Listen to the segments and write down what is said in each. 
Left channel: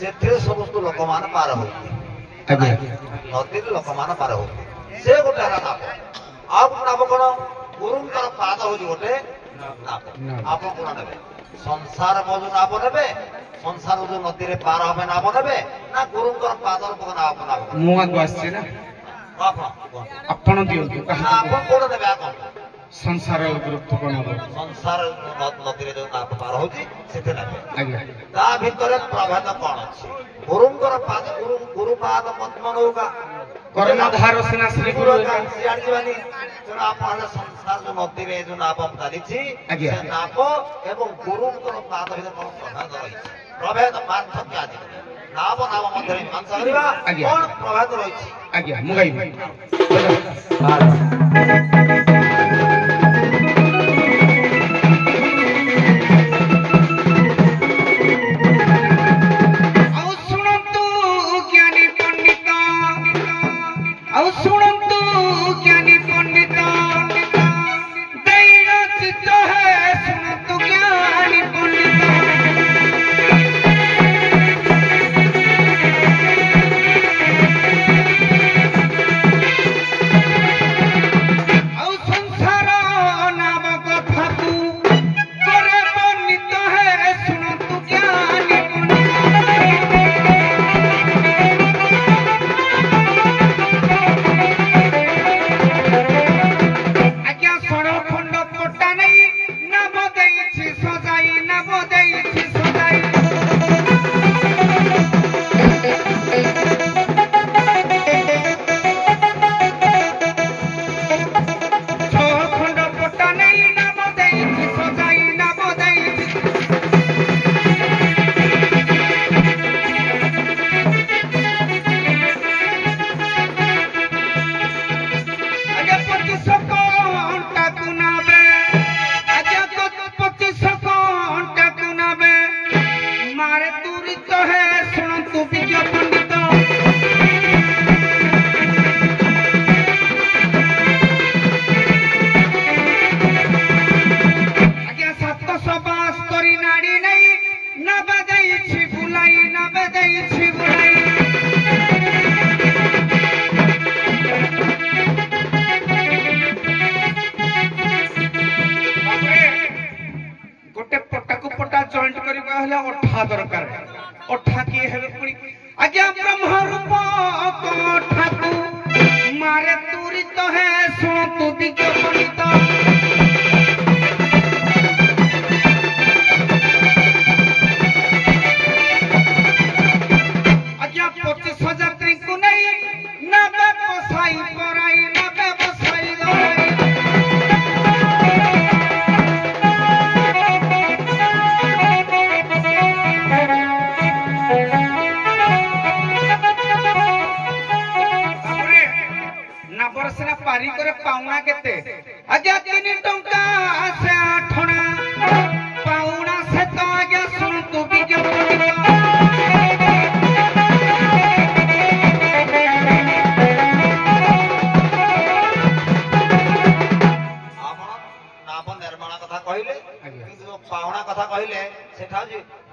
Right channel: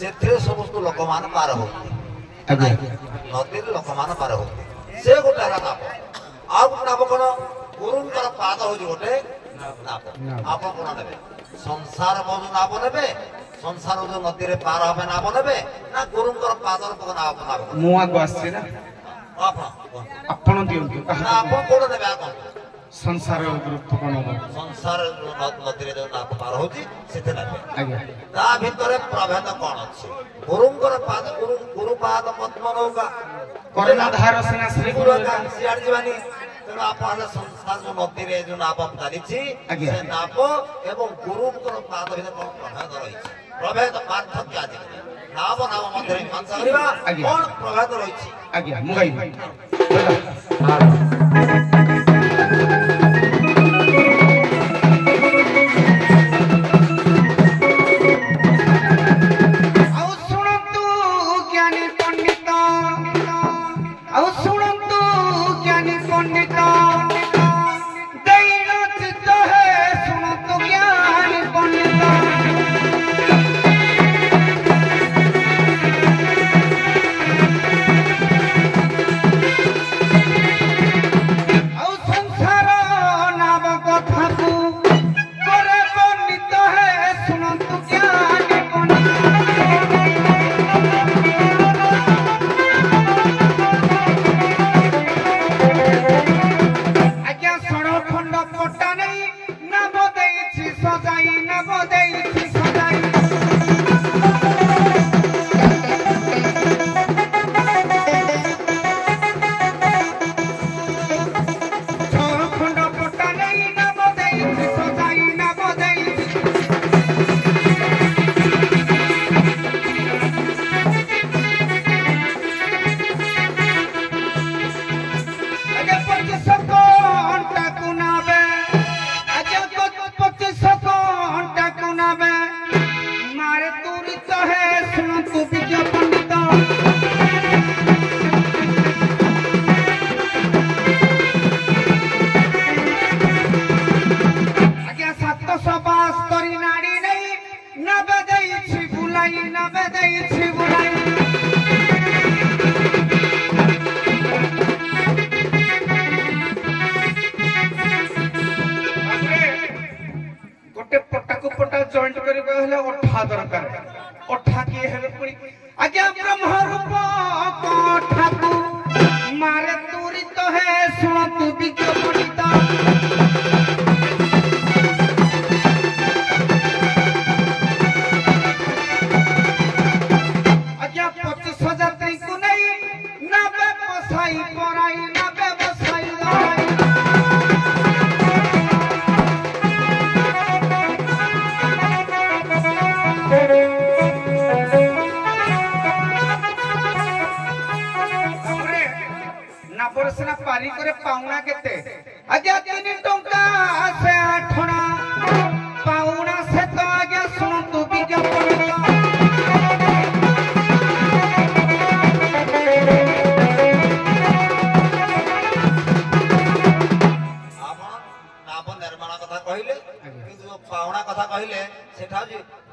से समस्त लोक मान पार हो नदी लोक मान पार हो से गोटे नाप आ नाप कौन गुरुंकर पाद हूँ गोटे नाप आप कौन ने संसार जो नाप ने संसार जो नदी पार हे नाप ने ना गुरुंकर पाद नाप नाप आपण दियंतु आप कौन ने संसार गुरुत्व कौन संसार नदी जो नाप पार होची सेते नापे ता भितर प्रभेद कौन अछि गुरुंकर पाद गुरु पाद पद्म नौका कर्णधार सेना श्री गुरु सियाड़ जीवानी तेणु आप संसार जो नदी रे जो नाप चली से नाप एवं गुरुंकर पाद भितर कौन प्रभेद रही प्रभेद पार्थक्य आज नाप नाम मध्य कौन प्रभेद रही आज्ञा मुगाई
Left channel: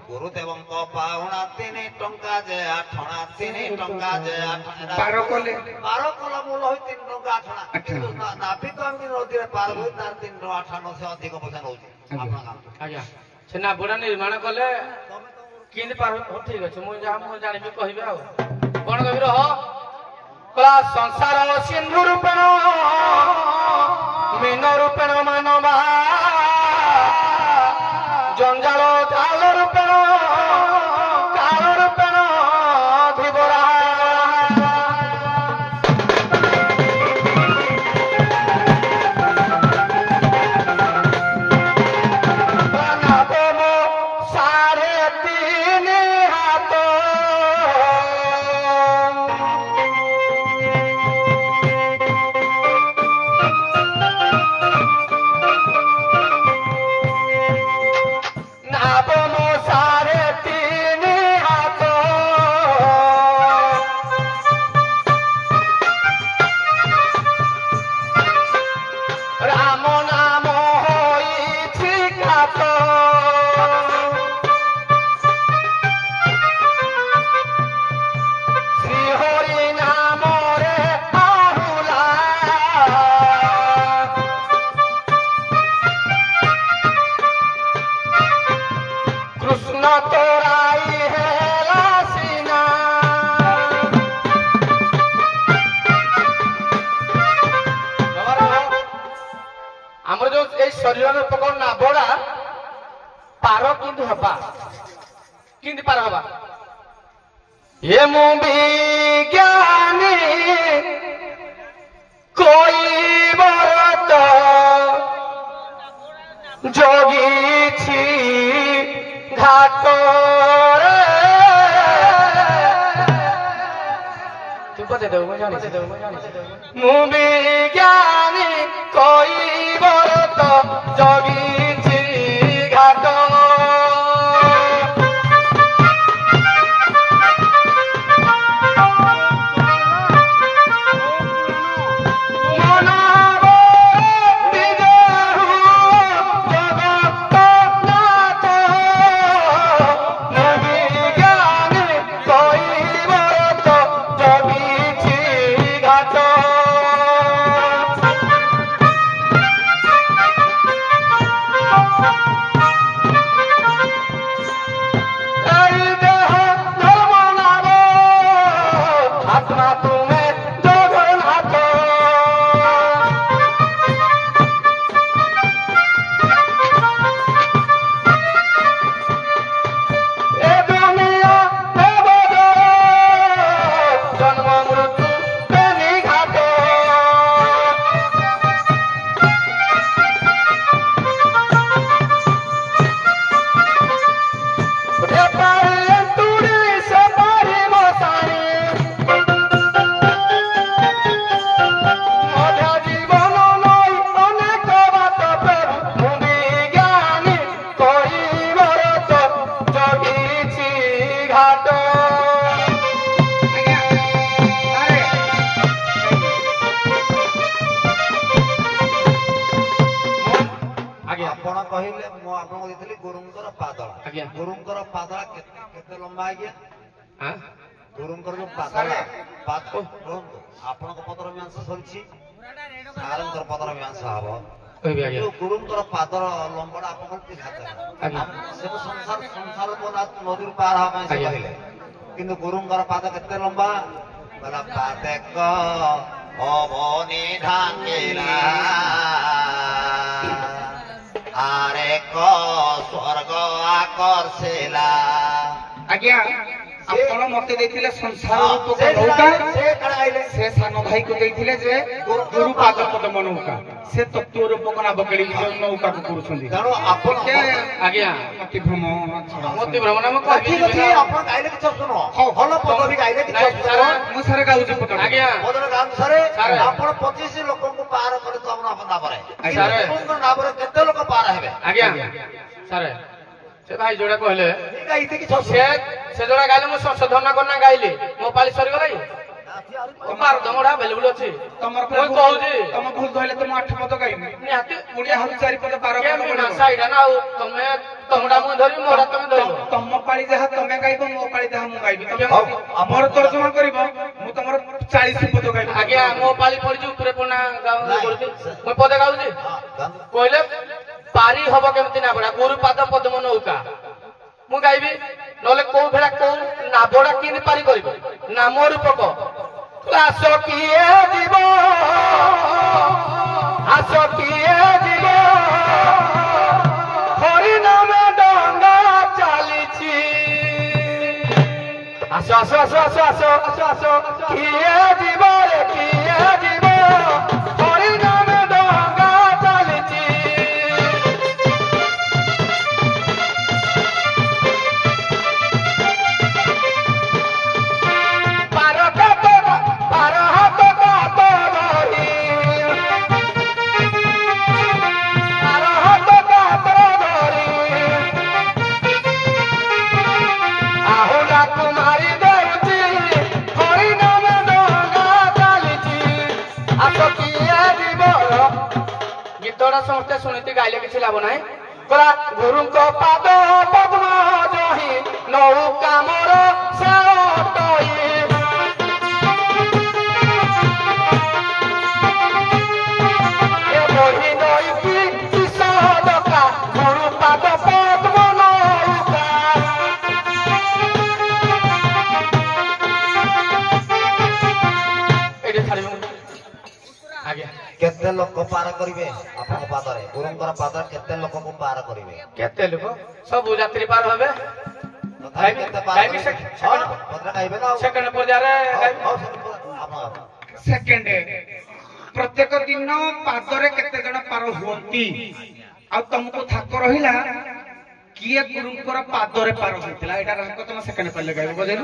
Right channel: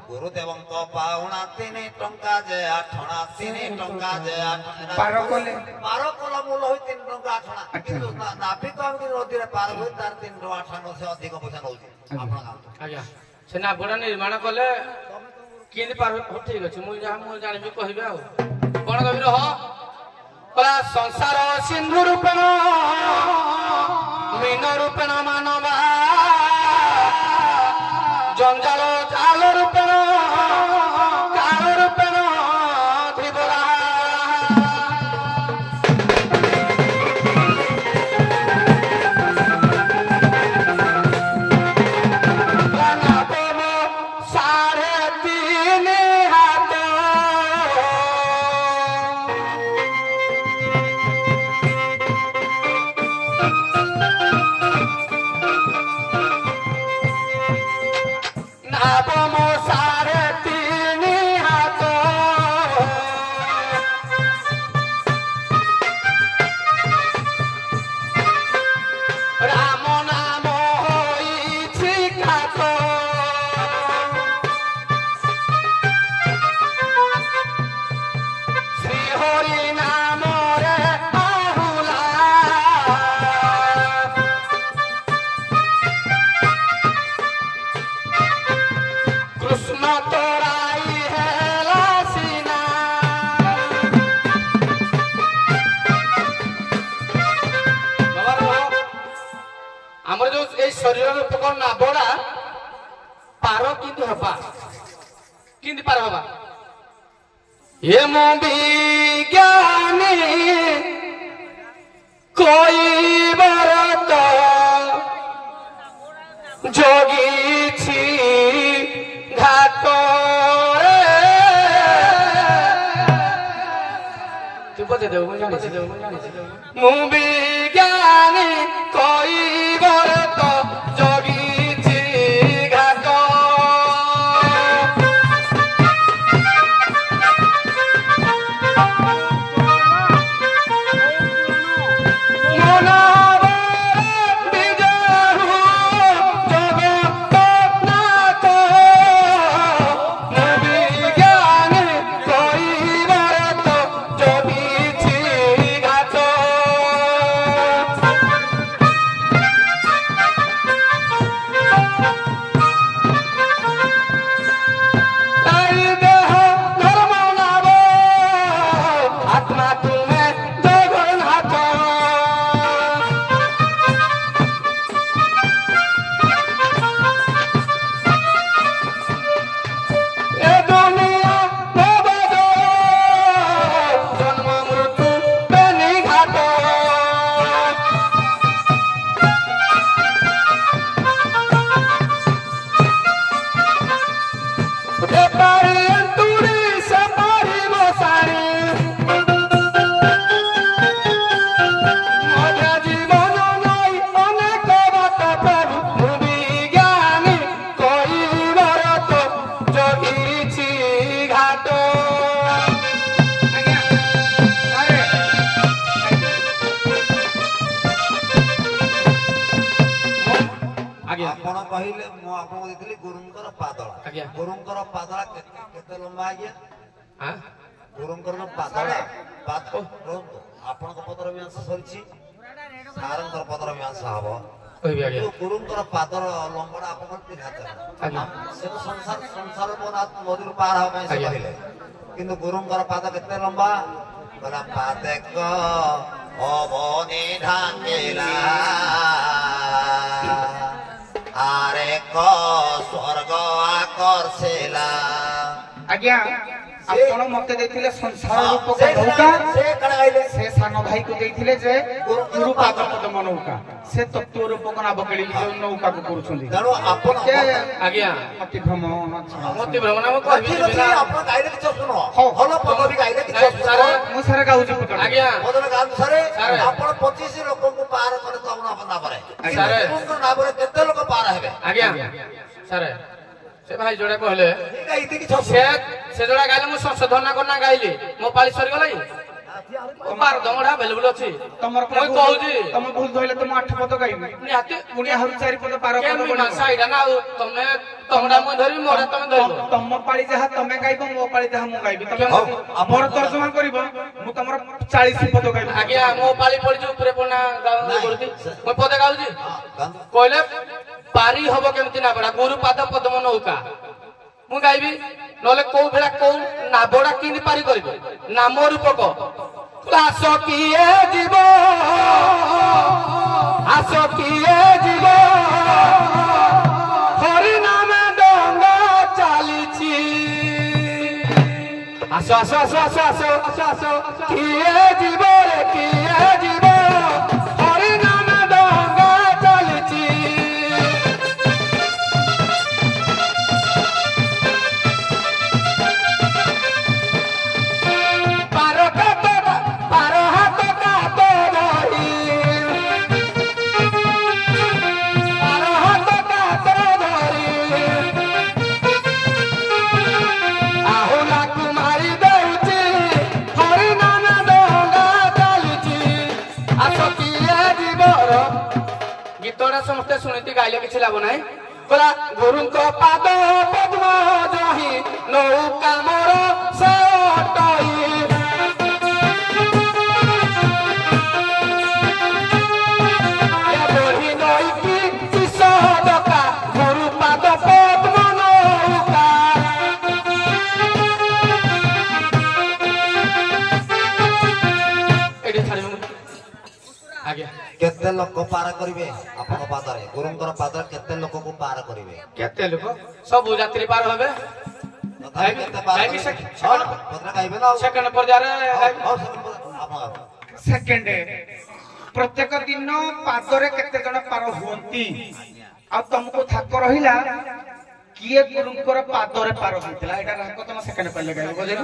गुरुदेव पाउना 3 टंका जे आठना 3 टंका जे आठना पारो कले मूल होई 3 टंका आठना नापी तो हम नदी रे पार होई तार 3 टंका आठना से अधिक पैसा नउची आज्ञा से ना बड़ा निर्माण कले केन पार हो ठीक अछि मु जानिबी कहिबे आ कोन कहि रह कला संसार सिंधु रूपेण मीन रूपेण मानवा जंजाल जाल रूपेण काल रूपेण धीबरा साढ़े 3 हाथ শরীর উপকরণ না বড়া পার কিন্তু হবা কিন্তু পার হবা এ মু বিজ্ঞানী কই বরত জগিছি ঘাট তুই বতে দেব মু বিজ্ঞানী কই বরত জগিছি ঘাট ଆପଣ କହିଲେ ମୁଁ ଆପଣଙ୍କୁ ଦେଇଥିଲି ଗୁରୁଙ୍କର ପାଦଳା ଗୁରୁଙ୍କର ପାଦଳା କେତେ ଲମ୍ବା ଆଜ୍ଞା ଗୁରୁଙ୍କର ଯୋଉ ପାଦଳା କୁହନ୍ତୁ ଆପଣଙ୍କ ପଦର ମୀମାଂସ ସରିଛି ସାରଙ୍କର ପଦର ମୀମାଂସ ହବ ଗୁରୁଙ୍କର ପାଦର ଲମ୍ବଟା ଆପଣଙ୍କର 3 ହାତ ସେ ତ ସଂସାର ନଦୀରୁ ପାର ହବା ପାଇଁ ସେ କହିଲେ କିନ୍ତୁ ଗୁରୁଙ୍କର ପାଦ କେତେ ଲମ୍ବା କହିଲା ପାଦେକ ଅବନି ଢାଙ୍ଗିଲା আরে ক স্বর্গ আকর্ষিলা আজ্ঞা ଆପଣ ମତେ ଦେଇଥିଲେ ସଂସାର ରୂପକ ନୌକା ସେ ସାନ ଭାଇକୁ ଦେଇଥିଲେ ଯେ ଗୁରୁ ପାଦ ପଦ୍ମ ନୌକା ସେ ତତ୍ତ୍ୱ ରୂପକ ନାବକେଳି ନୌକାକୁ କରୁଛନ୍ତି ତେଣୁ ଆପଣ ଆଜ୍ଞା ଅତି ଭ୍ରମଣ ଆପଣ ଗାଇଲେ କିଛି ଶୁଣ ଭଲ ପଦବୀ ଗାଇଲେ କିଛି ମୁଁ ସାରେ ଗାଉଛି ଆଜ୍ଞା ସାରେ ଆପଣ 25 ଲୋକଙ୍କୁ ପାର କଲେ ତ ଆପଣ ନାବରେ ନାବରେ କେତେ ଲୋକ ପାର ହେବେ ଆଜ୍ଞା ସାରେ ସେ ଭାଇ ଯୋଉଟା କହିଲେ ସେ ଯୋଉଟା ଗାଇଲେ ମୁଁ ସଂଶୋଧନ କରନା ଗାଇଲି ମୋ ପାଳି ସରିଗଲା ଦମଟା ଆଭେଲେବୁଲ ଅଛି ତମର ମୁଁ କହୁଛି ତମେ ଭୁଲ କହିଲେ ତ ମୁଁ 8 ପଦ ଗାଇବି ନିହାତି ପୁଣି ଆହୁରି 4 ପଦ ପାର ଏଇଟା ନା ଆଉ ତମେ ତମଟା ମୁଁ ଧରିବି ମୋଟା ତମେ ଧରିବ ତମ ପାଳି ଯାହା ତମେ ଗାଇବ ମୋ ପାଳି ଯାହା ମୁଁ ଗାଇବି ତମେ ମୋର ତର୍ଜମା କରିବ ମୁଁ ତମର 40 ପଦ ଗାଇବି ଆଜ୍ଞା ମୋ ପାଳି ପଡିଛି ଉପରେ ପଣା କରୁଛି ମୁଁ ପଦ ଗାଉଛି କହିଲେ ପାରି ହବ କେମିତି ନା ବଡା ଗୁରୁ ପାଦ ପଦ୍ମ ନୌକା ମୁଁ ଗାଇବି ନହେଲେ କୋଉ ଭେଳା କୋଉ ନାବଡା କେମିତି ପାରି କରିବ ନାମ ରୂପକ ଆସ କିଏ ଯିବ ଆସ କିଏ ଯିବ ହରି ନାମେ ଡଙ୍ଗା ଚାଲିଛି ଆସ ଆସ ଆସ ଆସ ଆସ ଆସ ଆସ କିଏ ଯିବ ରେ କିଏ ଯିବ ହରି ନାମେ ଡଙ୍ଗା ଚାଲିଛି ସମସ୍ତେ ଶୁଣିତି ଗାଇଲେ କିଛି ଲାଭ ନାହିଁ କଲା ଗୁରୁଙ୍କ ପାଦ ପଦ୍ମ ଜହି ନୌକା ମୋର ସାଟଇ ଏ ବଢି ନଈକି ବିଷଦକା ଗୁରୁ ପାଦ ପଦ୍ମ ନୌକା ଏଠି ଛାଡ଼ିବୁ ଆଜ୍ଞା କେତେ ଲୋକ ପାର କରିବେ ଆପଣ ପାଦରେ ଗୁରୁଙ୍କର ପାଦରେ କେତେ ଲୋକକୁ ପାର କରିବେ? କେତେ ଲୋକ ସବୁ ଯାତ୍ରୀ ପାର ହେବେ। ସେକେଣ୍ଡ ପର୍ଯ୍ୟାୟରେ ସେକେଣ୍ଡ ପ୍ରତ୍ୟେକ ଦିନ ପାଦରେ କେତେ ଜଣ ପାର ହୁଅନ୍ତି ଆଉ ତମକୁ ଥାକ ରହିଲା କିଏ ଗୁରୁଙ୍କର ପାଦରେ ପାର ହୋଇଥିଲା ଏଇଟା ରାଙ୍କ ତମ ସେକେଣ୍ଡ ପାଇଲେ ଗାଇବ ବୁଝିଲୁ।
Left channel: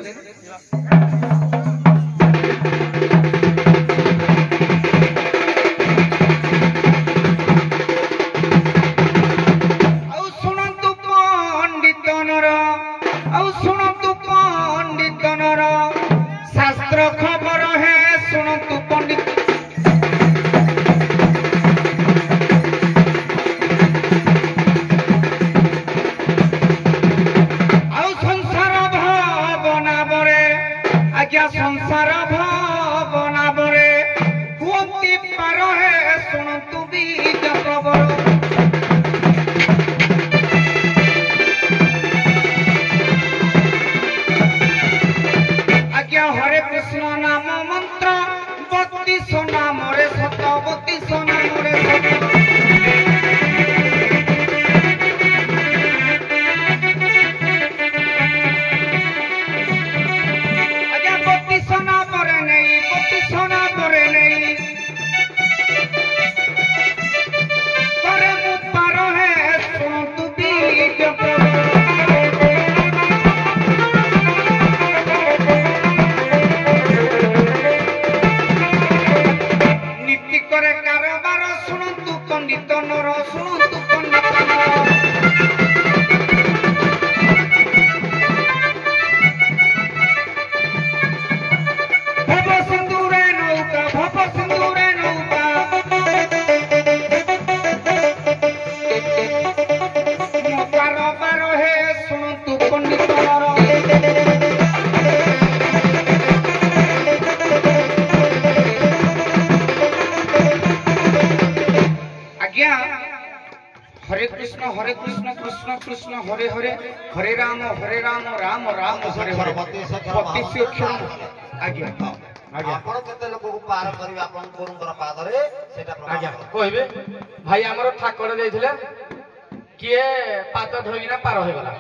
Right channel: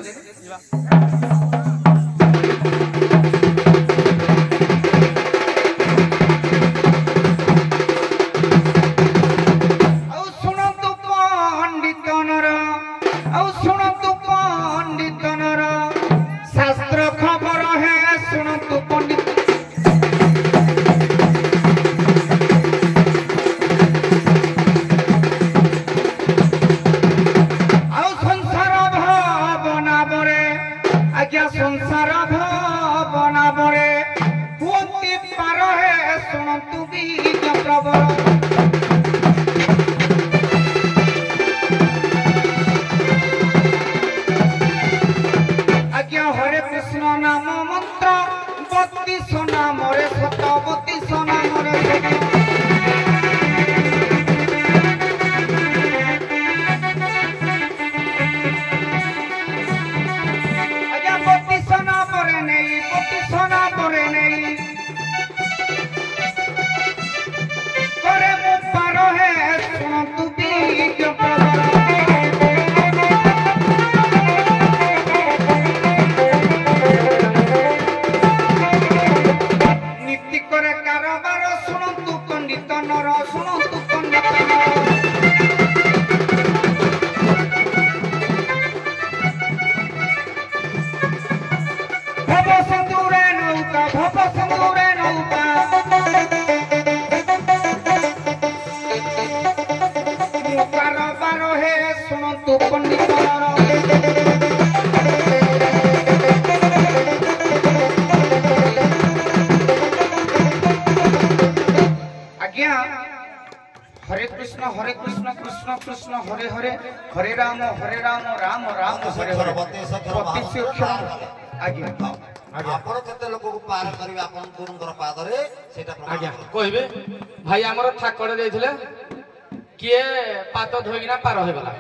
हरे कृष्ण कृष्ण कृष्ण हरे हरे हरे राम राम राम हरे हरे 32 अक्षर आज्ञा आपण केते लोक को पार करिवे आपण गुरुंकर पादरे सेटा आज्ञा कहबे भाई हमरो ठाकरे देथिले किए पाद धोइना पार होय गला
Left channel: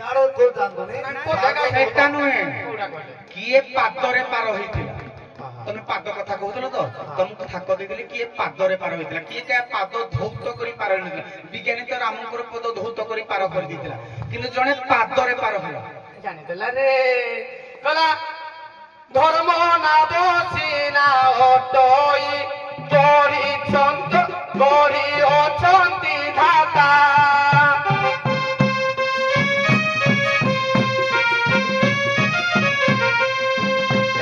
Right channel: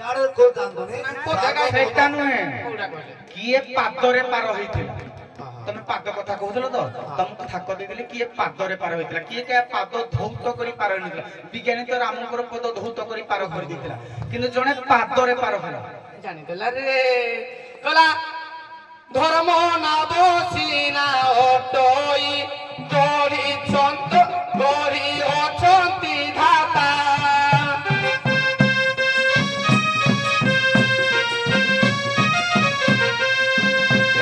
यारे को जानदोनी सेटा नहे किए पादरे पार होइथिला तमे पाद कथा कहउतलो तो तुमको ठाक देथिले किए पादरे पार होइथिला किए का पाद धौत करी पार होइथिला विज्ञानी तो रामकर पद धौत करी पार कर दिथिला किंतु जने पादरे पार होला जानि देला रे कला धर्म ना बसिना ओटोई गरी छंत गरी अछंती धाता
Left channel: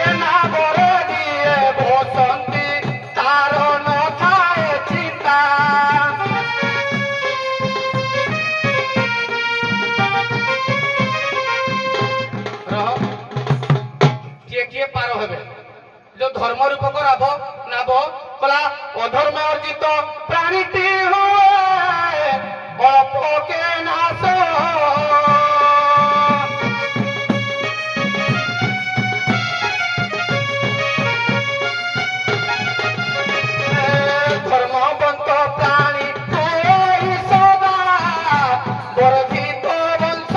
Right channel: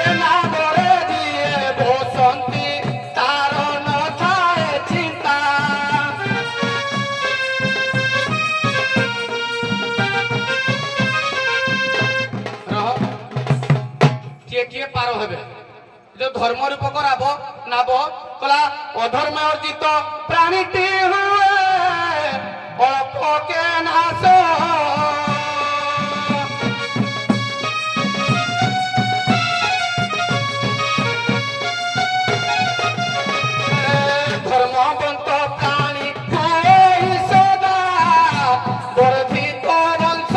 एना बरे दिए बसंती तारो न थाए चिंता किए पार हेबे जो धर्म रूप कराब नाब कला अधर्म अर्जित प्राणीटी हुए अल्प के नाश धर्मवंत प्राणी कोई सदा वर्धित वंश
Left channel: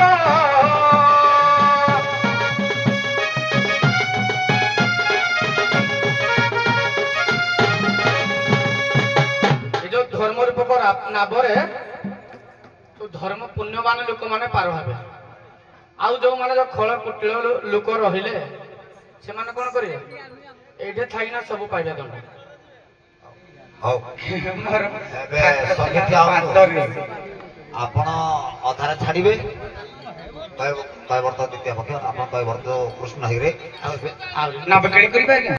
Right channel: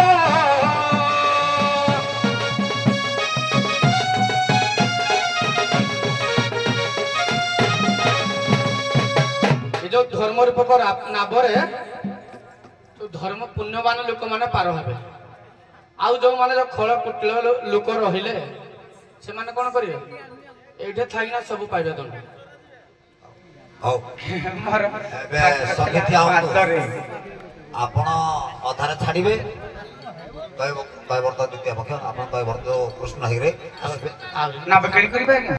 जो धर्म रूप नाबरे तो धर्म पुण्यवान लोक माने पार हेबे आउ जो माने जो खळ कुटिल लोक रहिले से माने कोन करिवे एठे थाइना सब पाइबे दंड हौ मोर एबे सखिया आपण अधारे छाड़िबे कय वर्त द्वितीय पक्ष आपण कय वर्त कृष्ण हिरे ना बकली करिबे